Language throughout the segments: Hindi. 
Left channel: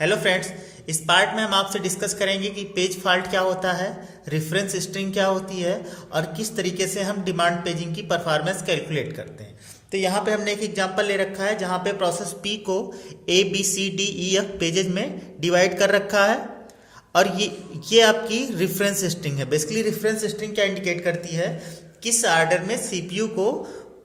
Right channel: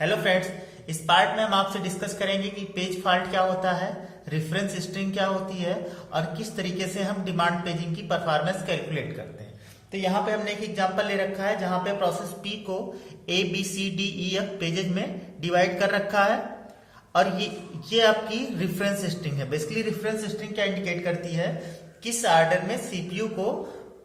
हेलो फ्रेंड्स, इस पार्ट में हम आपसे डिस्कस करेंगे कि पेज फॉल्ट क्या होता है, रेफरेंस स्ट्रिंग क्या होती है और किस तरीके से हम डिमांड पेजिंग की परफॉर्मेंस कैलकुलेट करते हैं। तो यहाँ पे हमने एक एग्जांपल ले रखा है जहाँ पे प्रोसेस पी को A B C D E F pages में डिवाइड कर रखा है और ये आपकी रेफरेंस स्ट्रिंग है। बेसिकली रेफरेंस स्ट्रिंग क्या इंडिकेट करती है, किस ऑर्डर में सीपीयू को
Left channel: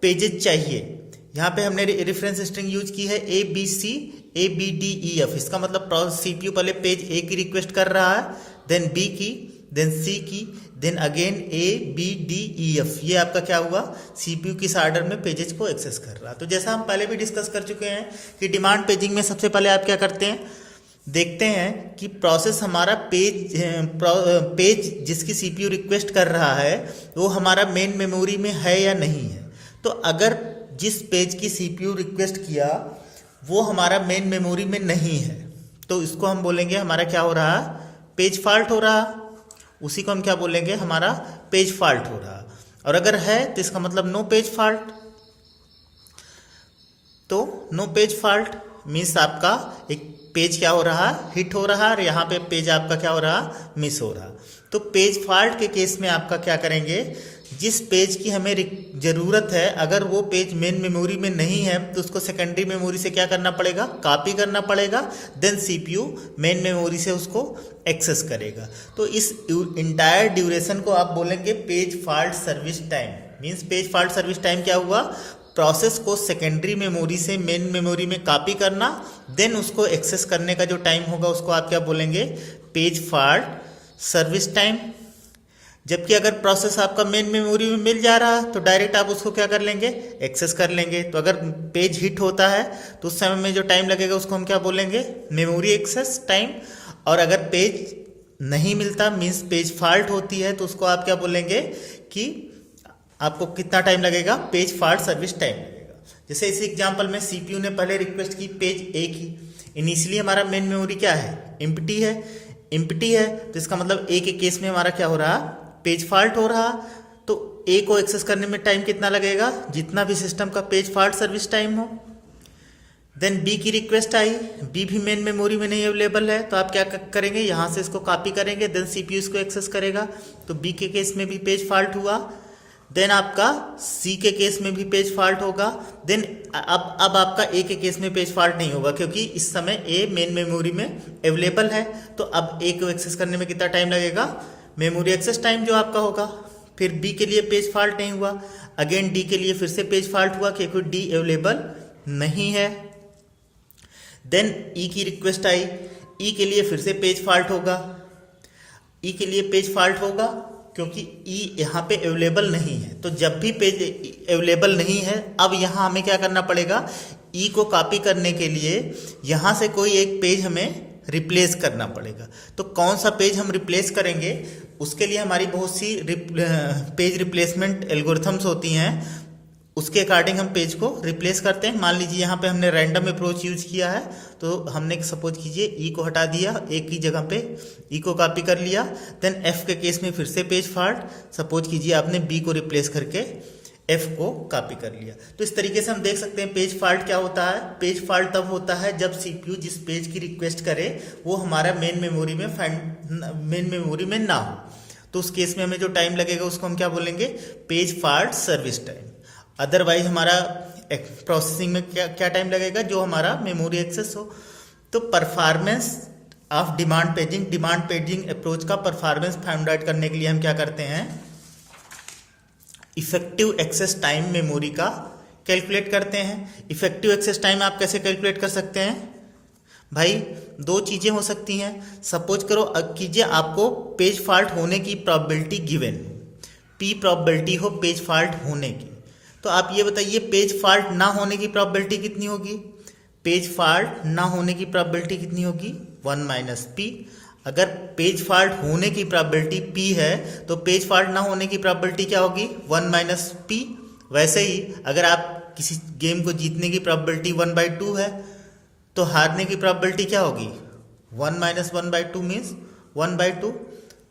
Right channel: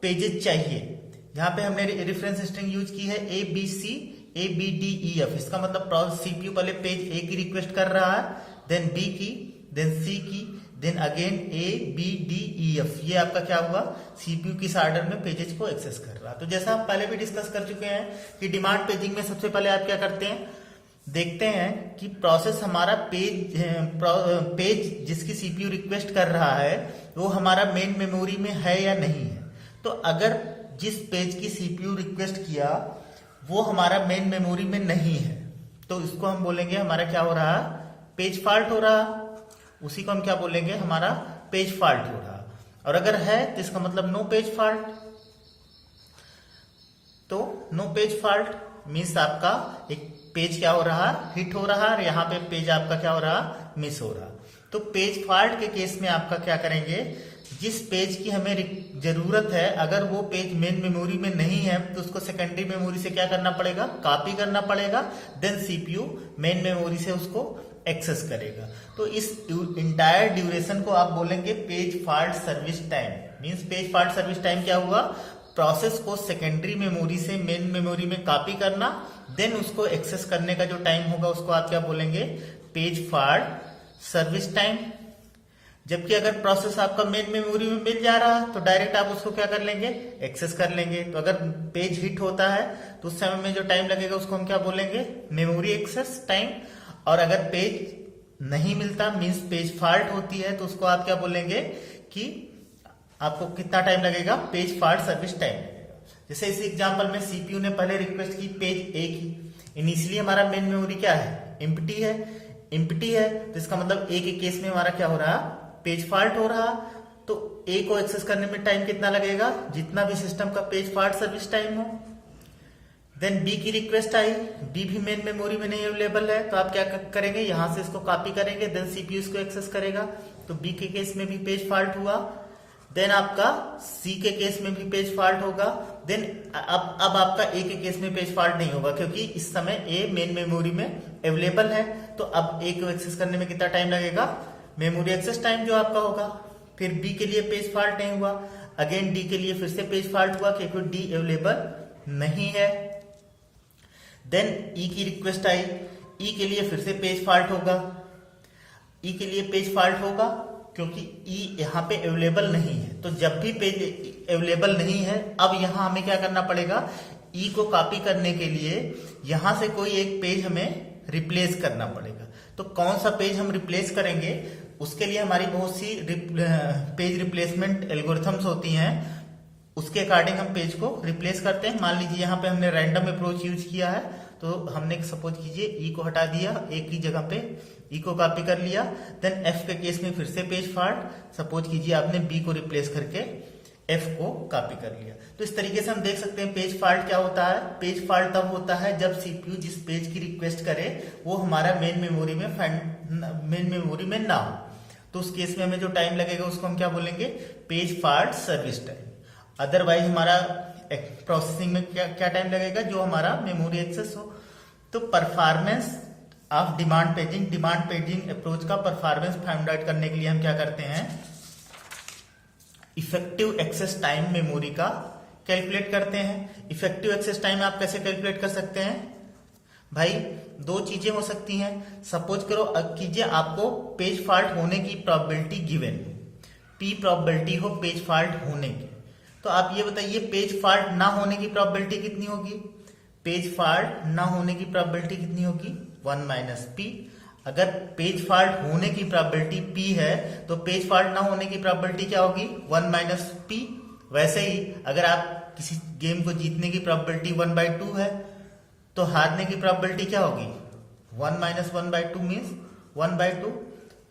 पेजेस चाहिए। यहाँ पे हमने रेफरेंस स्ट्रिंग यूज की है A B C A B D E F. इसका मतलब सीपीयू पहले पेज ए की रिक्वेस्ट कर रहा है, देन बी की, देन सी की, then again A B D E F. ये आपका क्या हुआ, सीपीयू किस ऑर्डर में पेजेस को एक्सेस कर रहा है। तो जैसा हम पहले भी डिस्कस कर चुके हैं कि डिमांड पेजिंग में सबसे पहले आप क्या करते हैं, देखते हैं कि प्रोसेस हमारा पेज जिसकी सीपीयू रिक्वेस्ट कर रहा है वो हमारा मेन मेमोरी में है या नहीं है। तो अगर जिस पेज की सीपीयू रिक्वेस्ट किया वो हमारा मेन मेमोरी में नहीं है तो इसको हम बोलेंगे हमारा क्या हो रहा है, पेज फॉल्ट हो रहा। उसी को हम क्या बोलेंगे, हमारा पेज फॉल्ट हो रहा। और अगर है तो इसका मतलब नो पेज फॉल्ट। तो नो पेज फॉल्ट मीन्स आपका एक पेज क्या हो रहा, हिट हो रहा और यहाँ पे पेज आपका क्या हो रहा, मिस हो रहा। तो पेज फॉल्ट के केस में आपका क्या करेंगे, जिस पेज की हमें जरूरत है अगर वो पेज मेन मेमोरी में नहीं है तो उसको सेकेंडरी मेमोरी से क्या करना पड़ेगा, कॉपी करना पड़ेगा, देन सीपीयू मेन मेमोरी से उसको एक्सेस करेगा। तो इस इंटायर ड्यूरेशन को आप बोलेंगे page fault service time. Means page fault service time क्या हुआ, प्रोसेस को सेकेंडरी मेमोरी से मेन मेमोरी में कॉपी करना, देन उसको एक्सेस करने का जो टाइम होगा उसको आप क्या बोलेंगे, पेज फॉल्ट सर्विस टाइम। जबकि अगर प्रोसेस आपका मेन मेमोरी में मिल जा रहा तो डायरेक्ट आप उसको क्या कर लेंगे, एक्सेस कर लेंगे। तो अगर पेज हिट होता है तो उस समय में जो टाइम लगेगा उसको हम क्या बोलेंगे, मेमोरी एक्सेस टाइम। और अगर पेज नहीं मिलता मीन्स पेज फॉल्ट होती है तो उसको आप क्या बोलेंगे कि आपको कितना टाइम लगेगा, पेज फॉल्ट सर्विस टाइम लगेगा। जैसे इस एग्जांपल में सीपीयू ने पहले रिक्वेस्ट की पेज ए की, इनिशियली हमारा मेन मेमोरी क्या है, एम्प्टी है। तो इसका मतलब ए के केस में हमारा क्या हो रहा, पेज फॉल्ट हो रहा। तो ए को एक्सेस करने में टाइम कितना लगेगा, जितना भी सिस्टम का पेज फॉल्ट सर्विस टाइम हो। देन बी की रिक्वेस्ट आई, बी भी मेन मेमोरी में नहीं अवेलेबल है तो आप क्या करेंगे, यहां से इसको कॉपी करेंगे, देन सीपीयू इसको एक्सेस करेगा। तो बी के केस में भी पेज फॉल्ट हुआ। देन आपका सी के केस में भी पेज फॉल्ट होगा। देन अब आपका ए के केस में पेज फॉल्ट नहीं होगा क्योंकि इस समय ए मेन मेमोरी में अवेलेबल है। तो अब ए को एक्सेस करने में कितना टाइम लगेगा, मेमोरी एक्सेस टाइम जो आपका होगा। फिर बी के लिए पेज फॉल्ट नहीं हुआ, अगेन डी के लिए फिर से पेज फॉल्ट हुआ क्योंकि डी अवेलेबल नहीं है। देन ई की रिक्वेस्ट आई, ई के लिए फिर से पेज फॉल्ट होगा। ई के लिए पेज फॉल्ट होगा क्योंकि ई यहाँ पे अवेलेबल नहीं है। तो जब भी पेज अवेलेबल नहीं है अब यहाँ हमें क्या करना पड़ेगा, ई को कॉपी करने के लिए यहाँ से कोई एक पेज हमें रिप्लेस करना पड़ेगा। तो कौन सा पेज हम रिप्लेस करेंगे, उसके लिए हमारी बहुत सी पेज रिप्लेसमेंट एल्गोरिथम्स होती हैं। उसके अकॉर्डिंग हम पेज को रिप्लेस करते हैं। मान लीजिए यहाँ पे हमने रैंडम अप्रोच यूज किया है तो हमने सपोज कीजिए ई को हटा दिया, ए की जगह पे ई को कॉपी कर लिया। देन एफ के केस में फिर से पेज फॉल्ट, सपोज कीजिए आपने बी को रिप्लेस करके एफ को कॉपी कर लिया। तो इस तरीके से हम देख सकते हैं पेज फॉल्ट क्या होता है। पेज फॉल्ट तब होता है जब सीपीयू जिस पेज की रिक्वेस्ट करे वो हमारा मेन मेमोरी में ना हो। तो उस केस में हमें जो टाइम लगेगा उसको हम क्या बोलेंगे, page fault service time. Otherwise हमारा प्रोसेसिंग में क्या टाइम लगेगा, जो हमारा मेमोरी एक्सेस हो। तो performance of demand paging approach का परफॉर्मेंस फाइंड आउट करने के लिए हम क्या करते हैं, इफेक्टिव एक्सेस टाइम मेमोरी का कैलकुलेट करते हैं। इफेक्टिव एक्सेस टाइम आप कैसे कैलकुलेट कर सकते हैं भाई, दो चीजें हो सकती हैं। सपोज करो कीजिए आपको पेज फॉल्ट होने की प्रोबेबिलिटी गिवन, पी प्रोबेबिलिटी हो पेज फॉल्ट होने की। तो आप ये बताइए पेज फॉल्ट ना होने की प्रोबेबिलिटी कितनी होगी, पेज फॉल्ट ना होने की प्रोबेबिलिटी कितनी होगी, 1 माइनस पी। अगर पेज फॉल्ट होने की प्रोबेबिलिटी पी है तो पेज फॉल्ट ना होने की प्रोबेबिलिटी क्या होगी, 1 माइनस पी। वैसे ही अगर आप किसी गेम को जीतने की प्रोबेबिलिटी 1/2 है तो हारने की प्रोबेबिलिटी क्या होगी, 1 माइनस 1/2 मीन्स 1/2।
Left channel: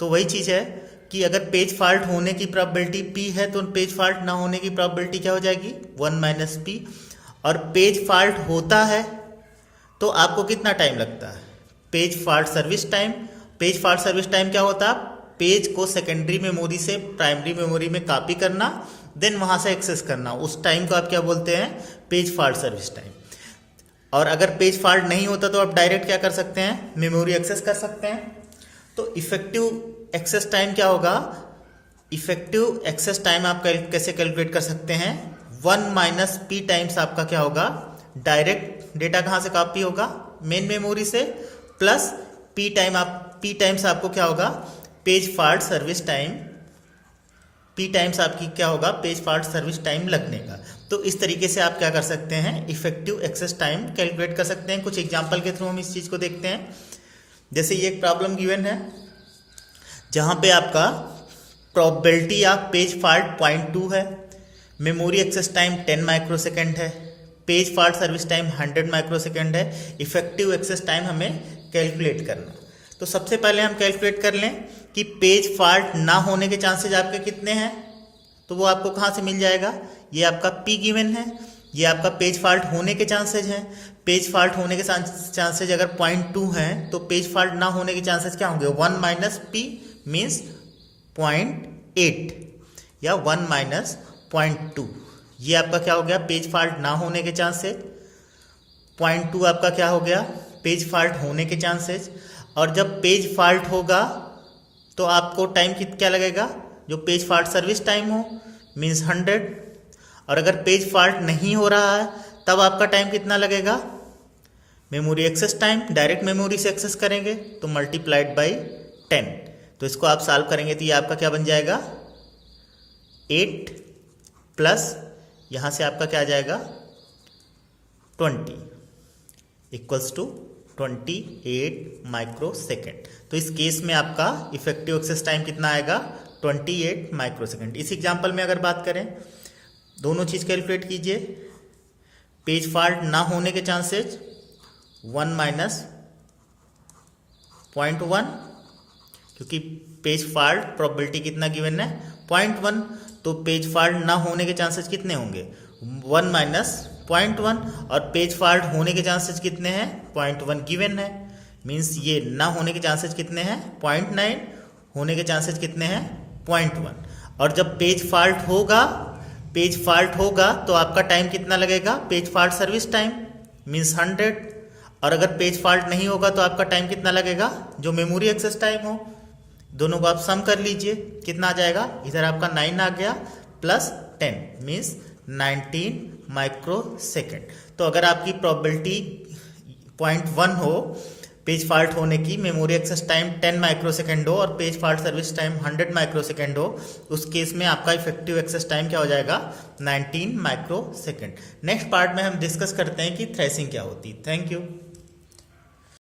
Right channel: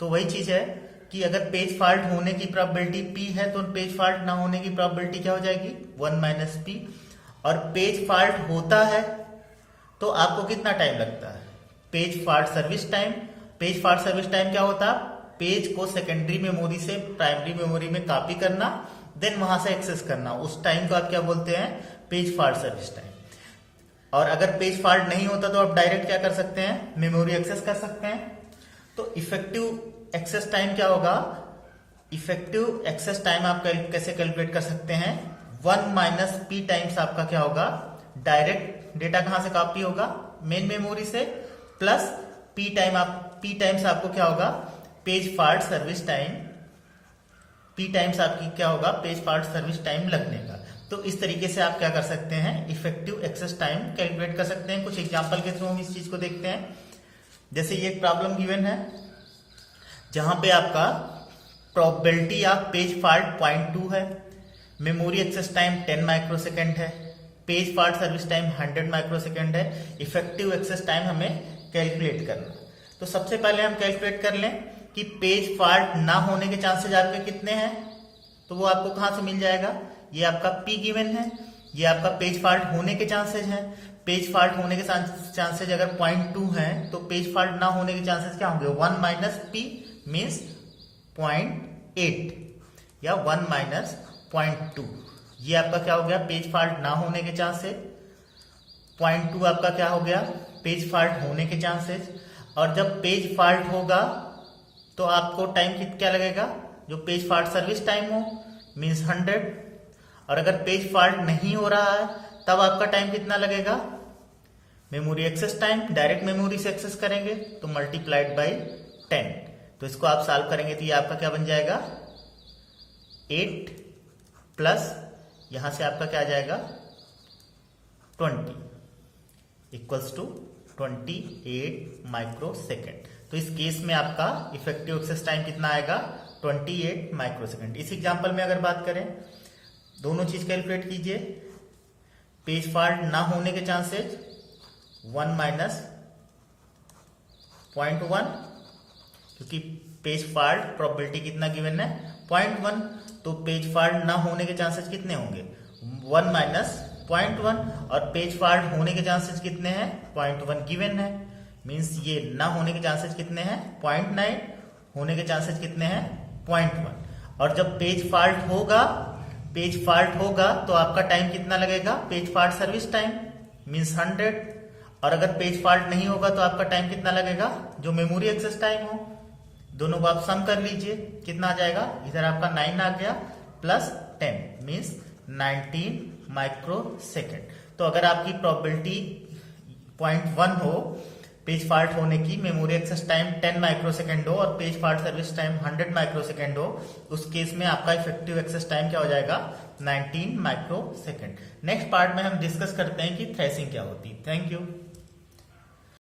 तो वही चीज है कि अगर पेज फॉल्ट होने की प्रोबेबिलिटी पी है तो पेज फॉल्ट ना होने की प्रोबेबिलिटी क्या हो जाएगी, 1 माइनस पी। और पेज फॉल्ट होता है तो आपको कितना टाइम लगता है, page fault service time. Page fault service time क्या होता है? पेज को सेकेंडरी मेमोरी से प्राइमरी मेमोरी में कॉपी करना, देन वहां से एक्सेस करना, उस टाइम को आप क्या बोलते हैं? Page fault service time. और अगर पेज फॉल्ट नहीं होता तो आप डायरेक्ट क्या कर सकते हैं? मेमोरी एक्सेस कर सकते हैं। तो इफेक्टिव एक्सेस टाइम क्या होगा? इफेक्टिव एक्सेस टाइम आप कैसे कैलकुलेट कर सकते हैं? 1 माइनस पी टाइम्स आपका क्या होगा? डायरेक्ट डेटा कहां से कॉपी होगा? मेन मेमोरी से, प्लस पी टाइम्स आपको क्या होगा? Page fault service time. P times आपकी क्या होगा? पेज फॉल्ट सर्विस टाइम लगने का। तो इस तरीके से आप क्या कर सकते हैं? इफेक्टिव एक्सेस टाइम कैलकुलेट कर सकते हैं। कुछ एग्जांपल के थ्रू हम इस चीज को देखते हैं। जैसे ये एक प्रॉब्लम गिवन है जहां पे आपका प्रोबेबिलिटी ऑफ पेज फॉल्ट 0.2 है, मेमोरी एक्सेस टाइम 10 माइक्रोसेकंड है, page fault service time 100 microsecond है। इफेक्टिव एक्सेस टाइम हमें कैलकुलेट करना। तो सबसे पहले हम कैलकुलेट कर लें कि पेज फॉल्ट ना होने के चांसेस आपके कितने हैं। तो वो आपको कहां से मिल जाएगा? ये आपका पी गिवन है, ये आपका पेज फॉल्ट होने के चांसेस हैं। पेज फॉल्ट होने के चांसेस अगर 0.2 हैं तो पेज फॉल्ट ना होने के चांसेस क्या होंगे? 1 माइनस पी मीन्स 0.8 या 1 माइनस 0.2। ये आपका क्या हो गया? पेज फॉल्ट ना होने के चांसेस। 0.2 आपका क्या हो गया? पेज फॉल्ट होने के चांसेस। और जब पेज फॉल्ट होगा तो आपको टाइम क्या लगेगा? जो पेज फॉल्ट सर्विस टाइम हो मीन्स 100। और अगर पेज फॉल्ट नहीं हो रहा है तब आपका टाइम कितना लगेगा? Memory access time, direct memory से एक्सेस करेंगे तो मल्टीप्लाइड बाई 10। तो इसको आप सॉल्व करेंगे तो ये आपका क्या बन जाएगा? 8 प्लस यहां से आपका क्या आ जाएगा? 20 इक्वल्स टू 28 माइक्रोसेकंड। तो इस केस में आपका इफेक्टिव एक्सेस टाइम कितना आएगा? 28 माइक्रोसेकंड। इस एग्जांपल में अगर बात करें, दोनों चीज कैलकुलेट कीजिए। पेज फॉल्ट ना होने के चांसेस 1 माइनस 0.1, क्योंकि पेज फॉल्ट प्रोबेबिलिटी कितना गिवन है? 0.1। तो पेज फॉल्ट ना होने के चांसेस कितने होंगे? 1 माइनस 0.1। और पेज फॉल्ट होने के चांसेस कितने हैं? 0.1 गिवन है। मीन्स ये ना होने के चांसेस कितने हैं? 0.9। होने के चांसेस कितने हैं? 0.1। और जब पेज फॉल्ट होगा तो आपका टाइम कितना लगेगा? Page fault service time means 100। और अगर पेज फॉल्ट नहीं होगा तो आपका टाइम कितना लगेगा? जो मेमोरी एक्सेस टाइम हो। दोनों को आप सम कर लीजिए, कितना आ जाएगा? इधर आपका 9 आ गया प्लस 10 मीन्स 19 माइक्रोसेकंड। तो अगर आपकी प्रोबेबिलिटी 0.1 हो पेज फॉल्ट होने की, मेमोरी एक्सेस टाइम 10 माइक्रोसेकंड हो और page fault service time 100 microsecond हो, उस केस में आपका इफेक्टिव एक्सेस टाइम क्या हो जाएगा? 19 माइक्रोसेकंड। नेक्स्ट पार्ट में हम डिस्कस करते हैं कि थ्रेसिंग क्या होती है। Thank you.